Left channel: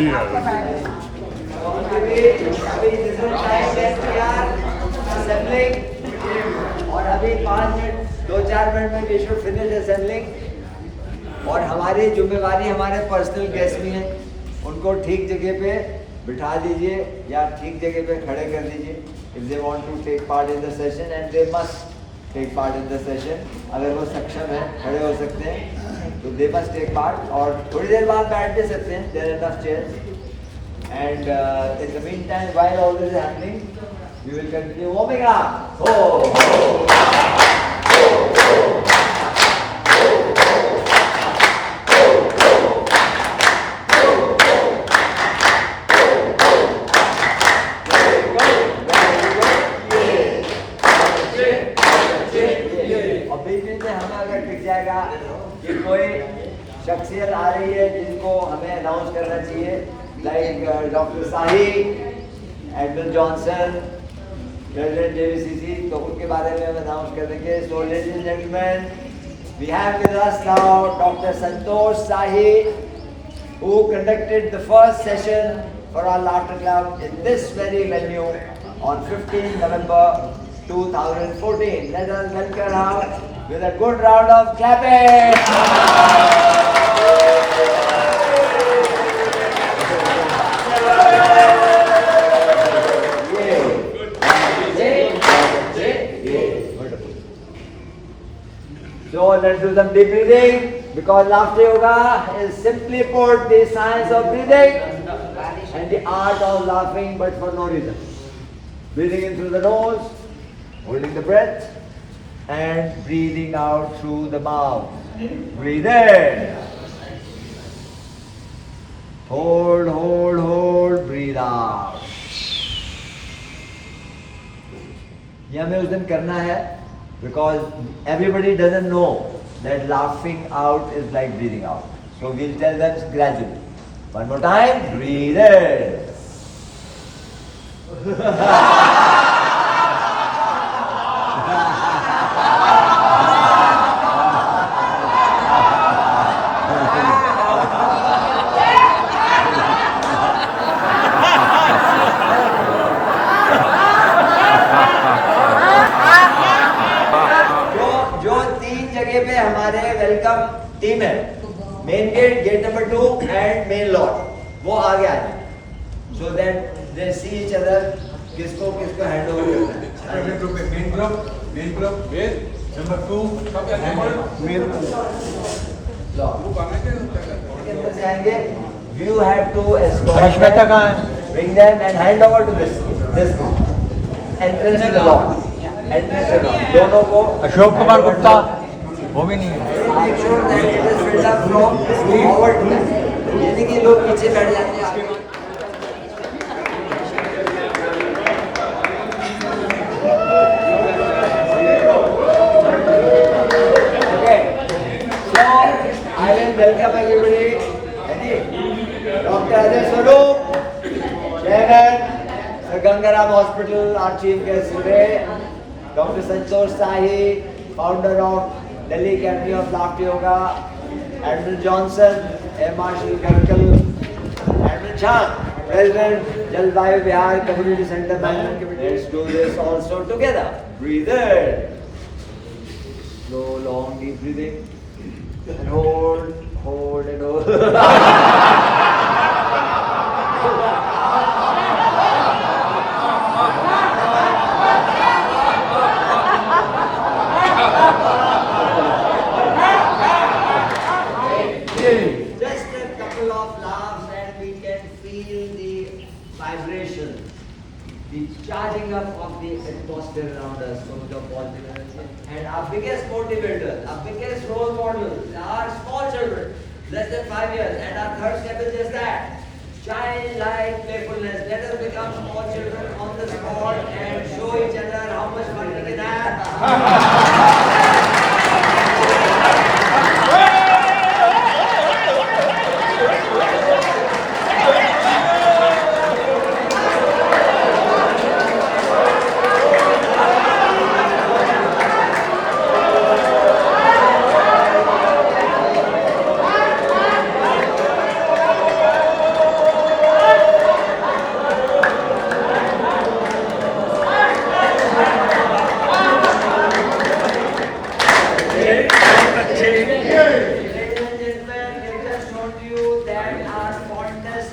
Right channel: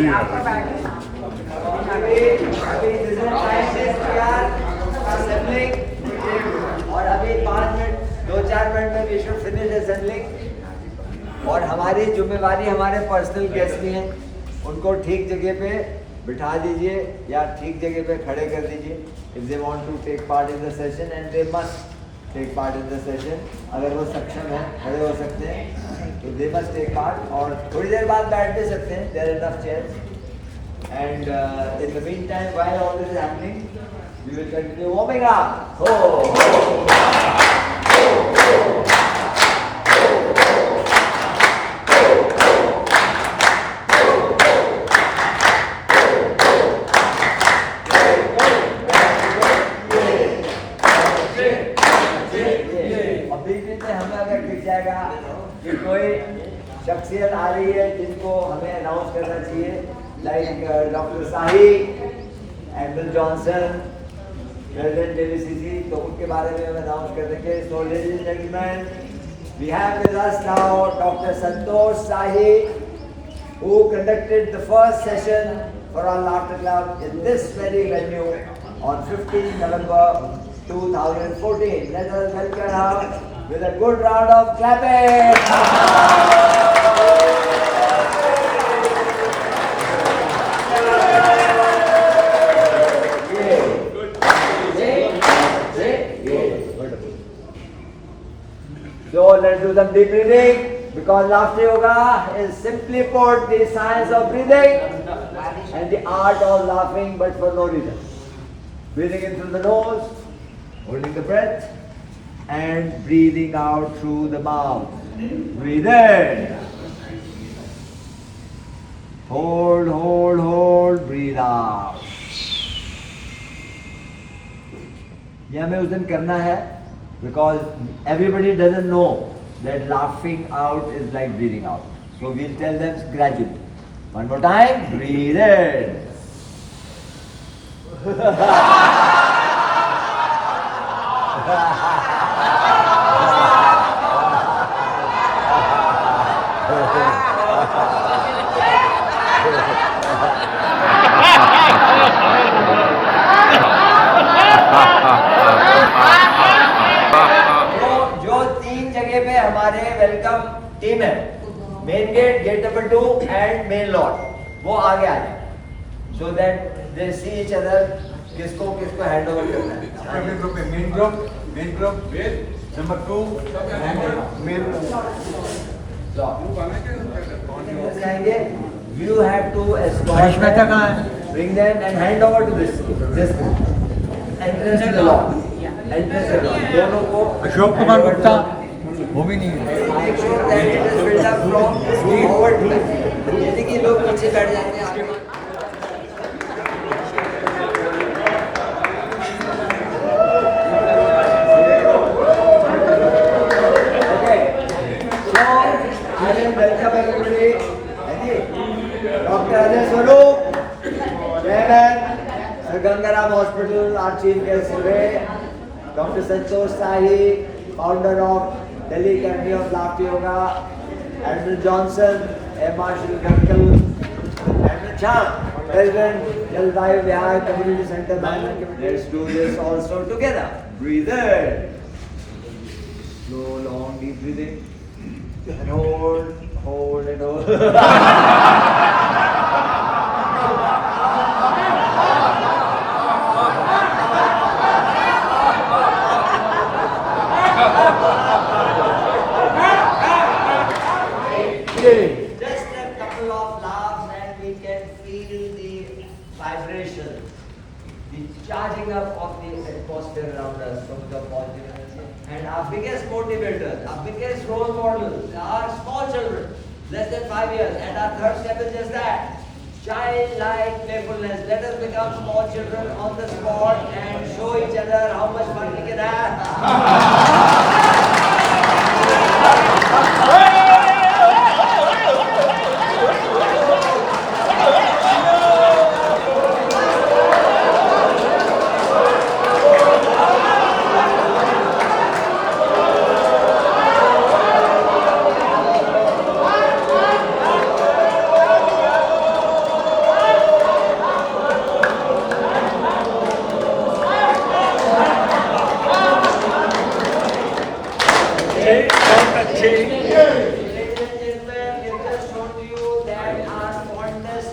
जी और अभी 5 minute 2-4 minute में वी शुड फिनिश असेंबलिंग। और हमारी जिम्मेवारी हमारे पर्सनल गेस्ट भी हैं, उनको ठीक जगह पे बिठा दीजिए या ठीक जगह पे खड़े कर दीजिए। If they want to take part in the session and they must take part in the session, अगर वो सक्षम है खड़े हो सकते हैं तो दे मस्ट टेक पार्ट, और थोड़ी देर बाद बैठ भी सकते हैं, there are enough chairs. And in the mean time while all this is happening we will continue warming up. हो कि कोई शख्सियत आ रही है जिनको हमें अनाउंस करना चाहिए, like doctor Sahi, admin Johnson, president JVCC, तो उनके बारे में हम अनाउंस कर देंगे। So ladies and gentleman, we have with us now doctor Santosh Sahi, who conducted the first session for our laughter club in this very venue on 15 November 2014. Let us welcome her with a good round of clapping. So let's do some deep breathing, because laughter yoga is simply put the science of breathing and the art of laughing, but for no reason. Breathing in through the nose, holding the breath, and breathing out through the mouth. Breathe in. Hold, hold, hold. Breathe out. ये हमें उस दिन करना है, because everybody doesn't know that laughing out is like breathing out. So we'll tell them gradually. One more time. Breathe in. जो 3 जगह पे हमारे वेलकम टीम है, main gate, gate number 2 and main lot, वो आगे आ जाए, so that they see each other, किसको हैंड ओवर करना है। Main group number 2 main You have to escort them, bring them and hand over to this entrance to the lot. Entrance to the lot. दोनों को अशोक कुमार गुप्ता वो भी नहीं है। कि लोग पीछे बैठ जाते हैं। I will welcome everybody. Dr. Ajay Swaroop, Chairman, Sir Gangaram Hospital, our chief guest today. Dr. Santosh Sahi, founder of Delhi Academy of Laughter Yoga. Admiral Johnson, Air Marshal Karkal. Admiral Chand, President, Jalvayu Vihar Community Center Management Committee. Let's do this also together. Breathe in. Slow, long, deep breathing. And hold, hold and hold. Just a couple of laughs and we can feel the vibration, the charging up of the atmosphere around us from the positive energy. And our biggest motivators, our biggest role models are small children, less than 5 years. And our third step is just that, childlike playfulness. Let us become small children on the spot and show each other how much fun we can have.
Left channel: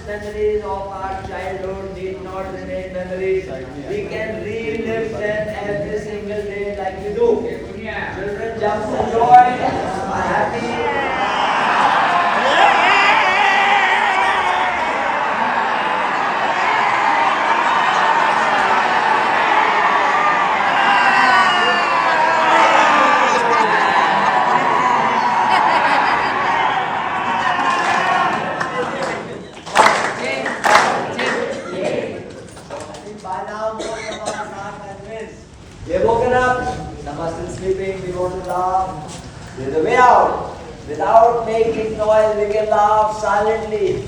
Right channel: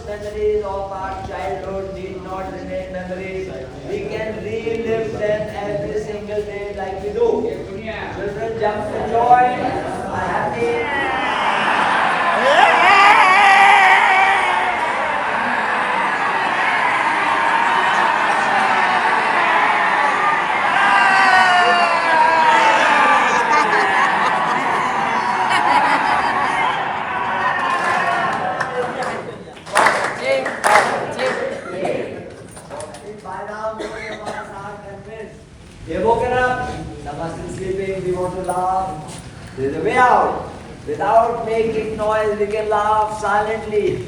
memories of our childhood need not remain memories. We can relive them every single day like we do. Children jump for joy, are happy. By now, most of us are convinced. They've woken up, some are still sleeping, we want to laugh. There's a way out. Without making noise, we can laugh silently.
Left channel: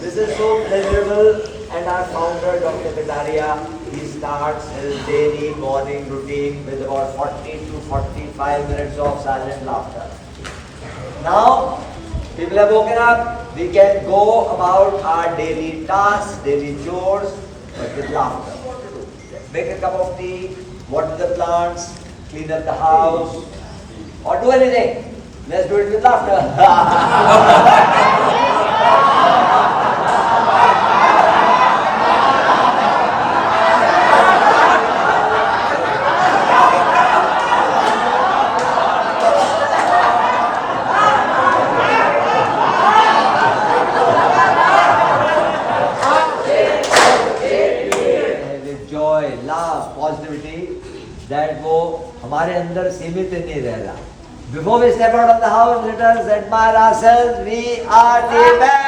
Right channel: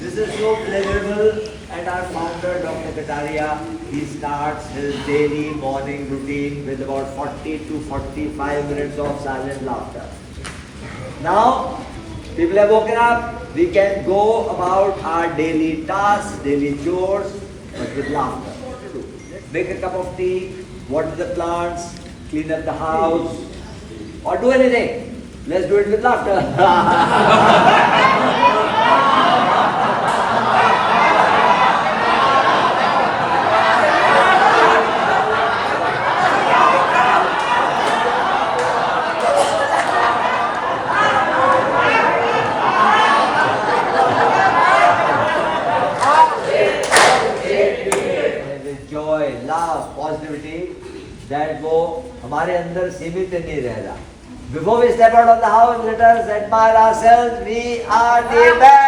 This is so pleasurable, and our founder, Dr. Kataria, he starts his daily morning routine with about 40 to 45 minutes of silent laughter. Now, people have woken up, we can go about our daily tasks, daily chores, but with laughter. Make a cup of tea, water the plants, clean up the house, or do anything. Let's do it with laughter. Joy, love, positivity, that वो हमारे अंदर सीमित नहीं रह रहा. Before we step out of the house, let us admire ourselves. We are the best.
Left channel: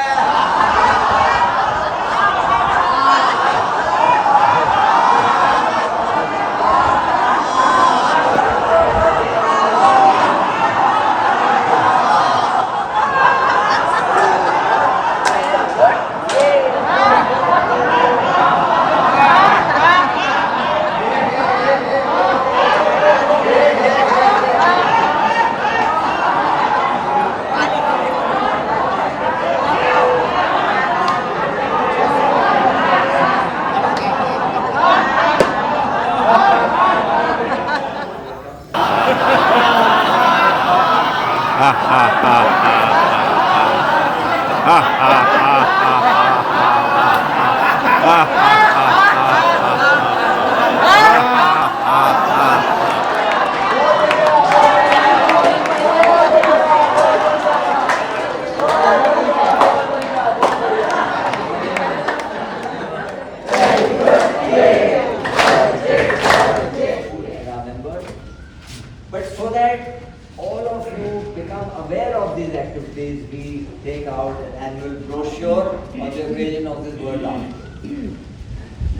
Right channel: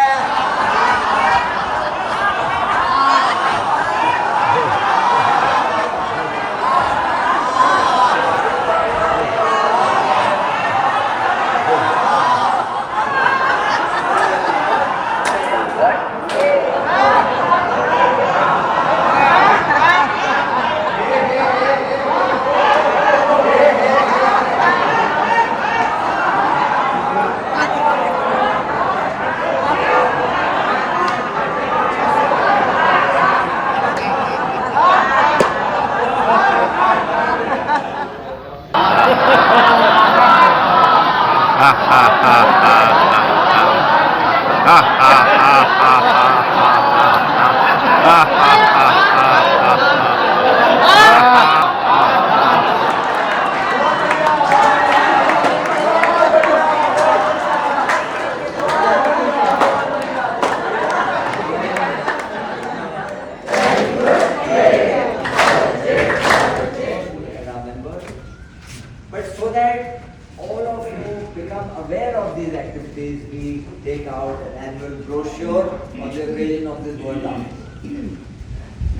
But so that all of you become aware of these activities, we take out an annual brochure on the occasion of this World Laughter.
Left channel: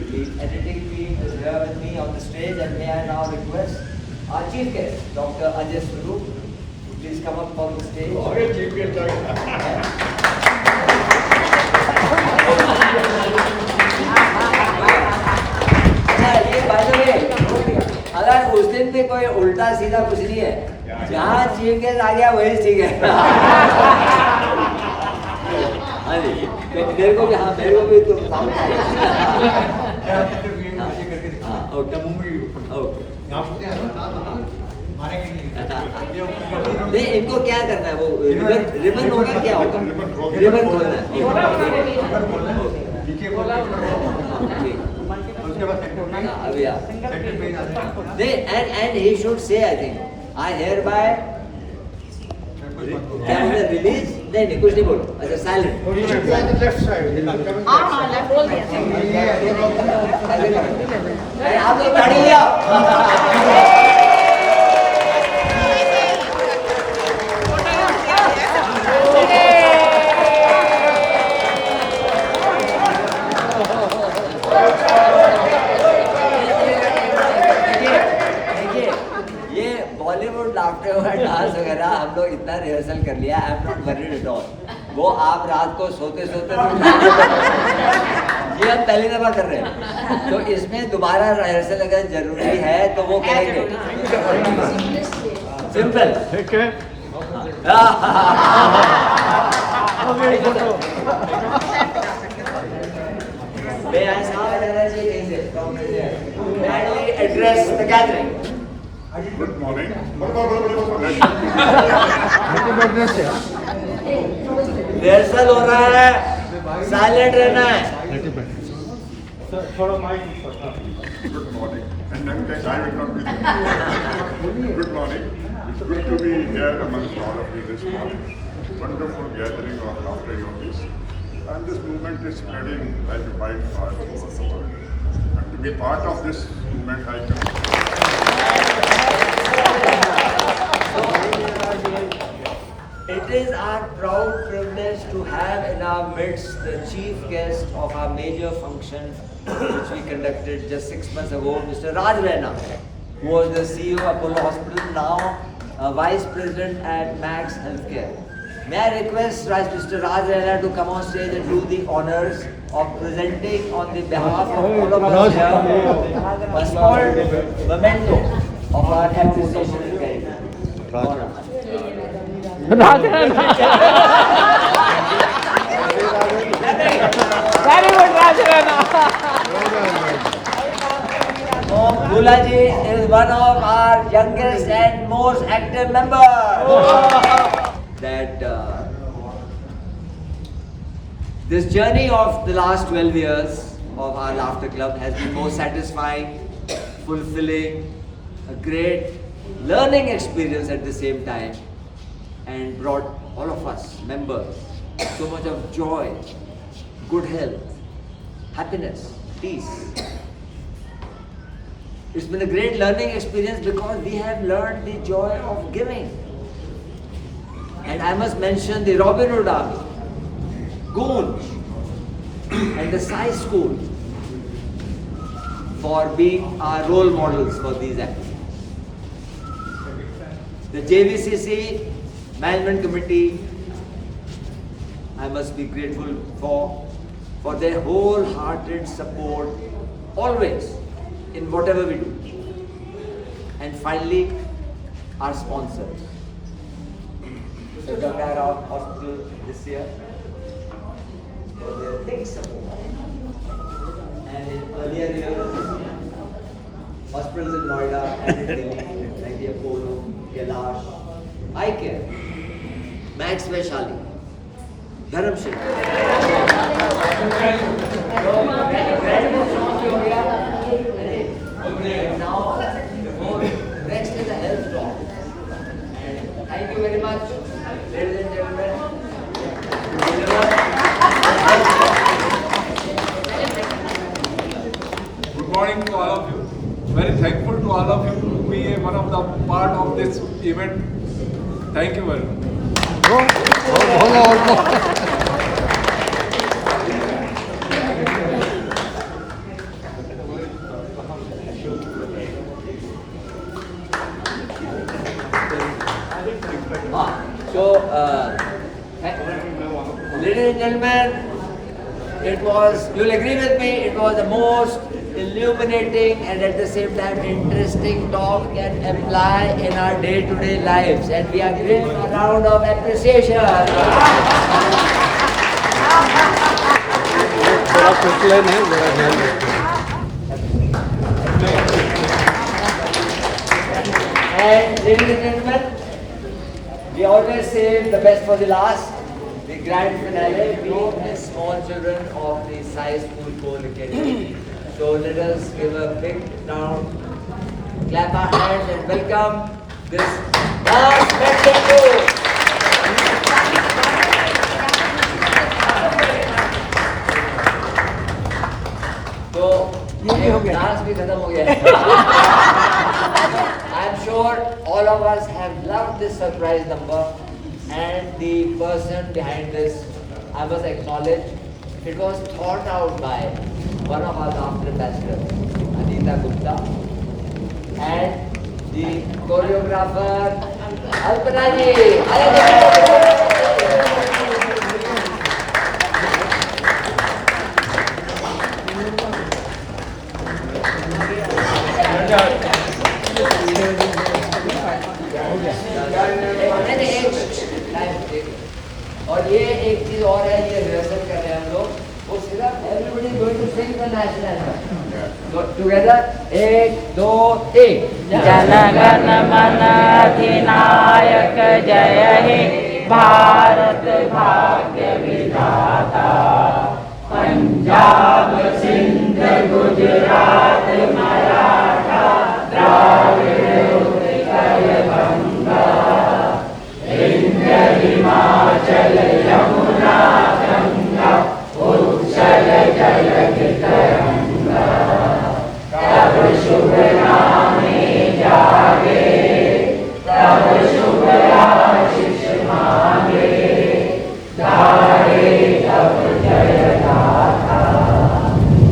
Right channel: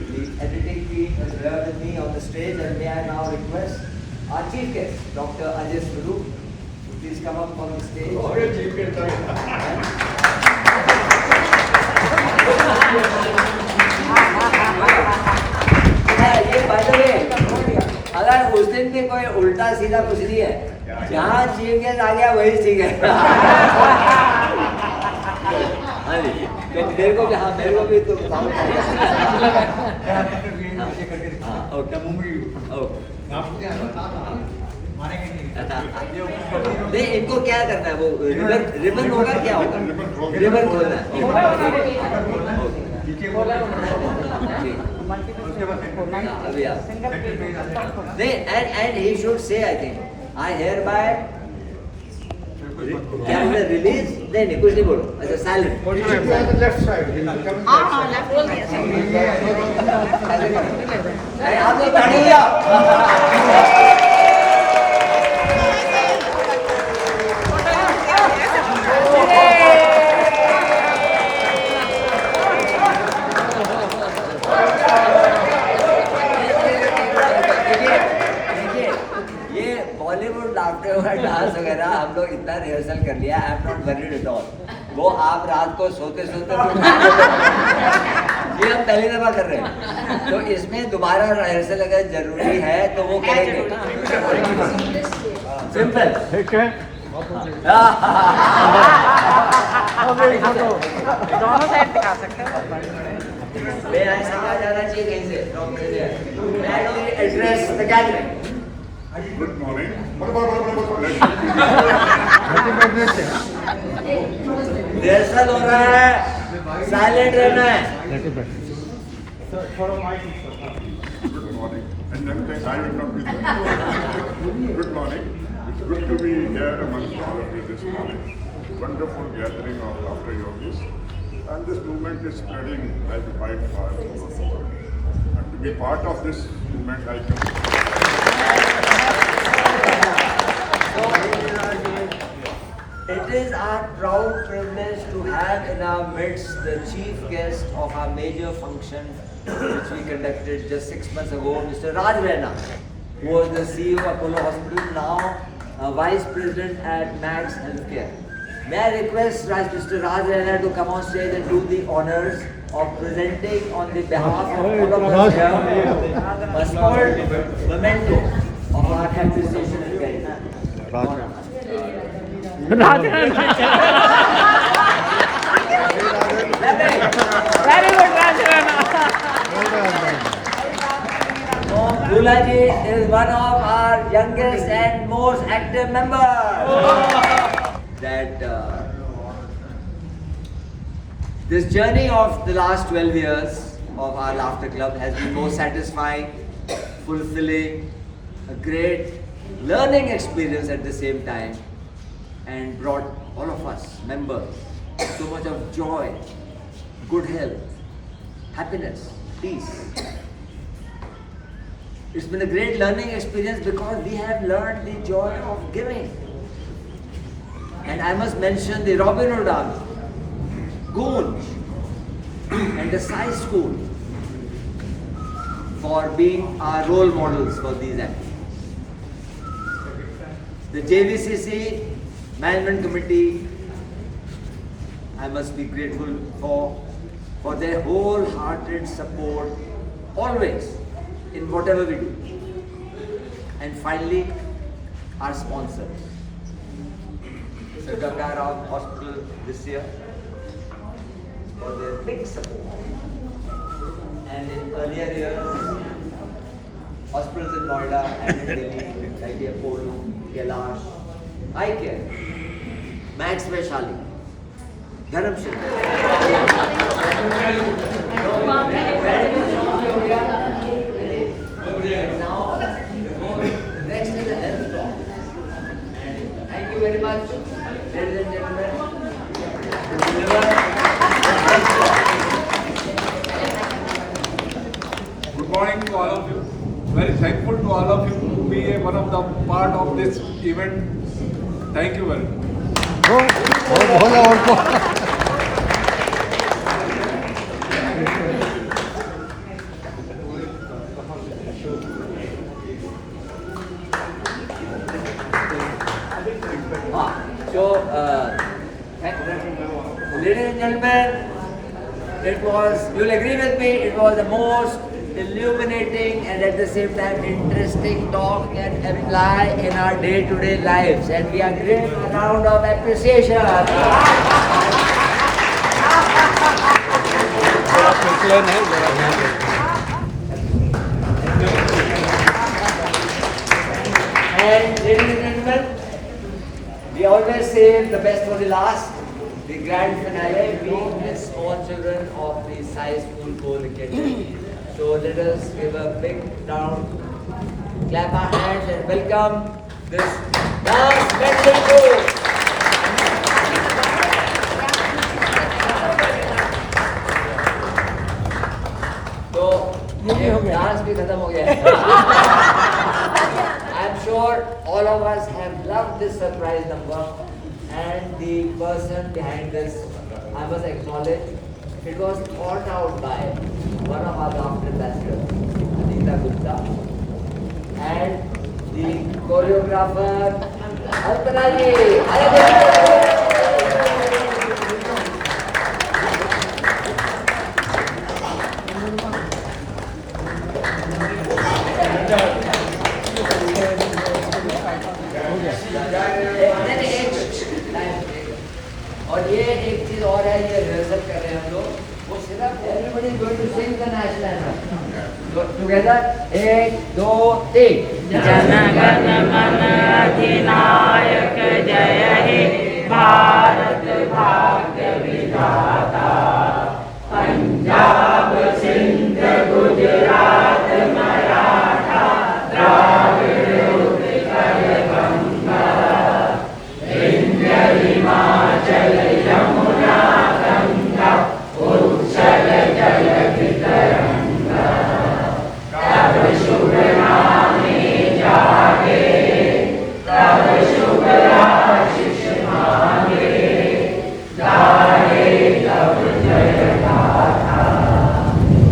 The editing team is here with me on the stage, and may I now request our chief guest, Dr. Ajay Swaroop, please come up on the stage. ये by the way, अगर उस दिन भी कोई उल्टा सीधा कुछ नहीं है, जहाँ चीफ गेस्ट आ गया वही ठीक है. हाँ जी, तो मेरे को भी तो काम चाहिए. हाँ, ओके, नहीं इनको क्या करना है, वो रिबन होगा, क्या होगा, रिबन खोलना है. अभी आप नहीं, and he should say, I think, I hereby क्या बोले, रिलीज नहीं कुछ नहीं बोलो. अच्छा, साइलेंट. हाँ लेफ्ट आप तो ताड़िया. बॉलीवुड लाफ्टर वगैरह डांस वगैरह हम लोग इतना रिहर्सल कर लिया. I am not worried at all. वो आप रात को सोते सोते ये हम पहली दफा कर रहे हैं, तो इसमें दोबारा रिहर्सल अगर जरूरी है तो वो करेंगे. Simple. May I start kindly address the gathering. Good morning. Happy birthday से रिहर्सल हो रहा है, साइलेंट रहना है. Happy birthday Good morning. And then I will not be there. Good morning. It's good to be here amongst all of you this morning. Wonderful gathering of laughter yogis. And this movement is spreading like a wildfire throughout the world. And to be part of this movement, I can. It is our proud privilege to have in our midst the chief guest of our major function which we conducted just 6 months ago, Mr. Raj Raina, who was the CEO of Apollo Hospital, now Vice President at Max Healthcare. May I request Mr. Raj Raina to come on stage and do the honors of presenting on the behalf of all of us here a small memento of our appreciation and gratitude. Honor. Very good, Rajana. Bhulaji is one of our youngest and most active members. That this journey of the last 12 years of our Laughter Club has been most satisfying, fulfilling, a great learning experience at the same time, and brought all of us members so much of joy, good health, happiness, peace. It's been a great learning experience because we have learned the joy of giving. And I must mention the Robin Hood Army, Goonj, and the Sai School for being our role models for these activities. The JVCC Management Committee, I must be grateful for their wholehearted support always in whatever we do. And finally, our sponsors. Mr. Gangara Hospital this year for their big support. And in earlier years, hospitals in Noida and in Delhi, like the Apollo, Kailash, Eye Care, Max Vaishali, Dharamshila. Now, next is the health talk. And thank you very much, ladies and gentlemen, to deliver. Good morning to all of you. Very thankful to all of you to be one of the part of this event. Thank you very much. Ladies and gentlemen, you'll agree with me, it was the most illuminating and at the same time interesting talk can apply in our day-to-day lives, and we are giving a round of appreciation. And ladies and gentlemen, we always save the best for the last. The grand finale, we miss small children of the Sai School co-located. So let us give a big round, clap our hands and welcome this dance medley group. So, ये dance भी खत्म हो गया है. I'm sure all of us have loved this surprise number, and the person behind this, I must acknowledge, it was thought out by one of our laughter ambassadors, Anita Gupta, and the choreographer, Alpana ji. और ये एक चीज और है, ये rehearsal कर रहे हैं हम लोग, वो सिर्फ everybody is going to sing the national anthem. Together, 1, 2, 3. Jana Gana मन अधिनायक जय हे भारत भाग्य विधाता पंजाब सिंध गुजरात मराठा द्राविड़ उत्कल गंगा विंध्य हिमाचल यमुना गंगा उच्छल जलधि तरंगा तब शुभ नामे जागे तब शुभ आशीष मांगे गाए तब जय गाथा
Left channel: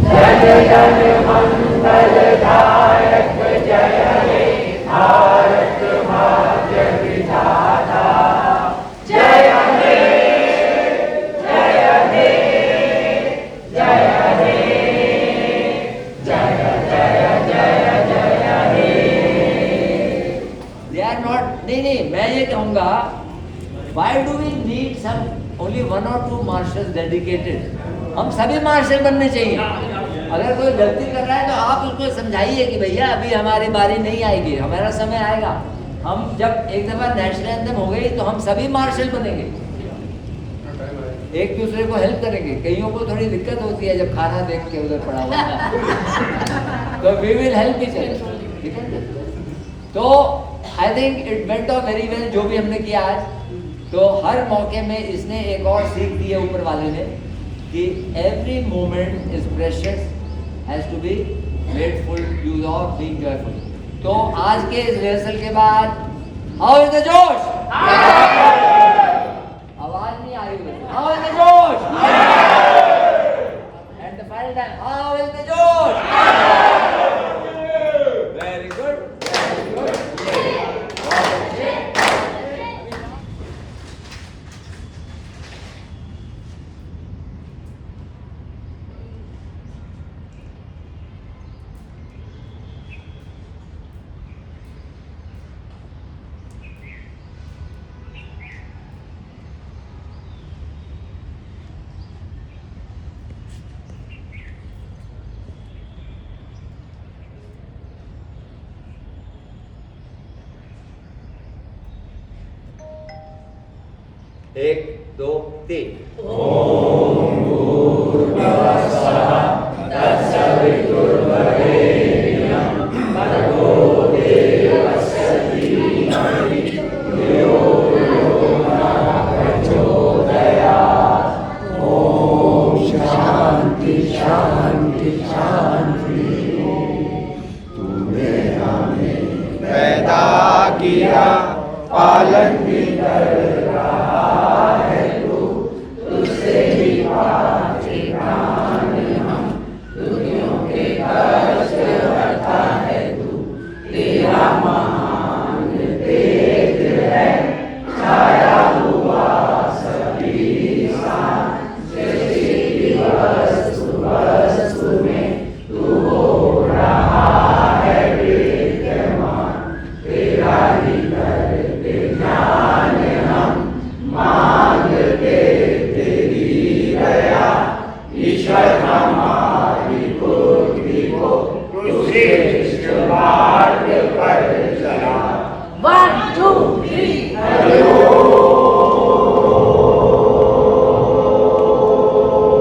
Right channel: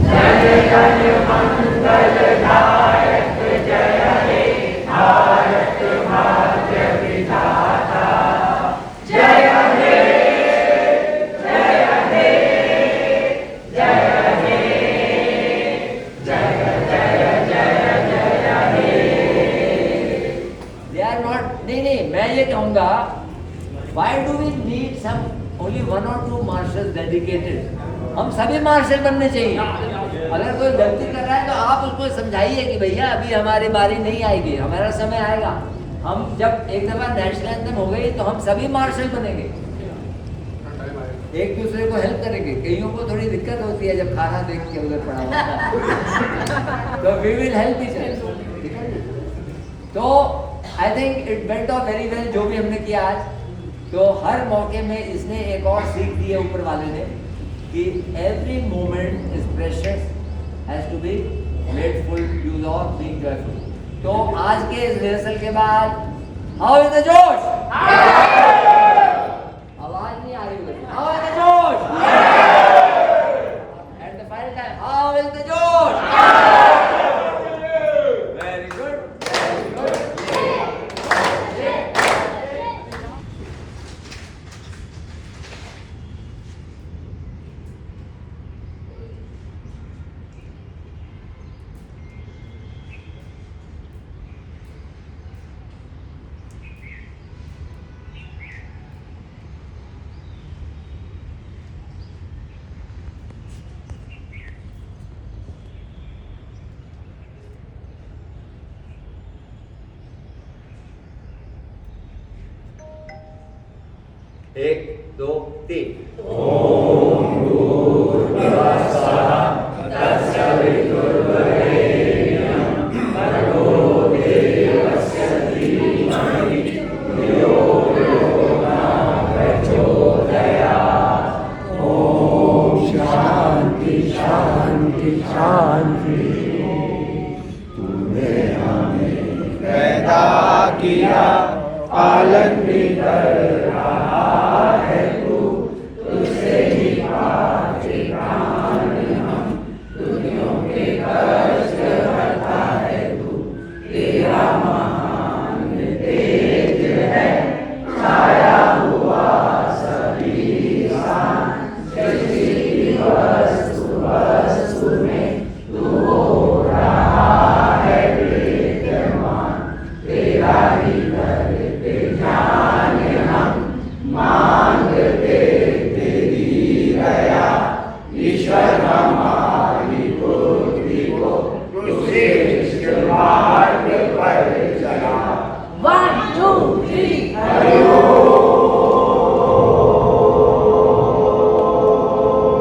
जन गण मंगलदायक जय हे भारत भाग्य विधाता जय हे जय हे जय हे जय जय जय जय हे। They are not. नहीं, मैं ये कहूँगा, why do we need some only 1 or 2 marshals dedicated? हम सभी मार्शल बनने चाहिए। अगर कोई गलती कर रहा है तो आप उसको समझाइए कि भैया अभी हमारी बारी नहीं आएगी, हमारा समय आएगा। हम जब एक दफा नेशनल एंथम हो गई तो हम सभी मार्शल बनेंगे, एक दूसरे को हेल्प करेंगे। कईयों को थोड़ी दिक्कत होती है जब खाना देख के उधर पड़ा हुआ है तो we will help each other. तो I think it went off very well जो भी हमने किया आज। तो हर मौके में इसने एक और सीख दी है ऊपर वाले ने कि every moment is precious, has to be made full use of, being joyful. तो आज के इस रिहर्सल के बाद हाउ इज द जोश? आवाज नहीं आ रही, how is the josh? At the final time, how is the josh? Very good, very good. एक, दो, तीन। शांति शांति शांति तूने हमें पैदा किया, पालन भी कर रहा है तू, तुझसे ही पाके प्राण हम, दुनियों के कष्ट हरता है तू, तेरा महान तेज है छाया हुआ सभी स्थान, सृष्टि की वस्तु वस्तु में तू हो रहा है विद्यमान, तेरा ही करते ध्यान हम मांगते तेरी दया, ईश्वर हमारी बुद्धि को श्रेष्ठ मार्ग पर चला। 1 2 3 हरि ओम।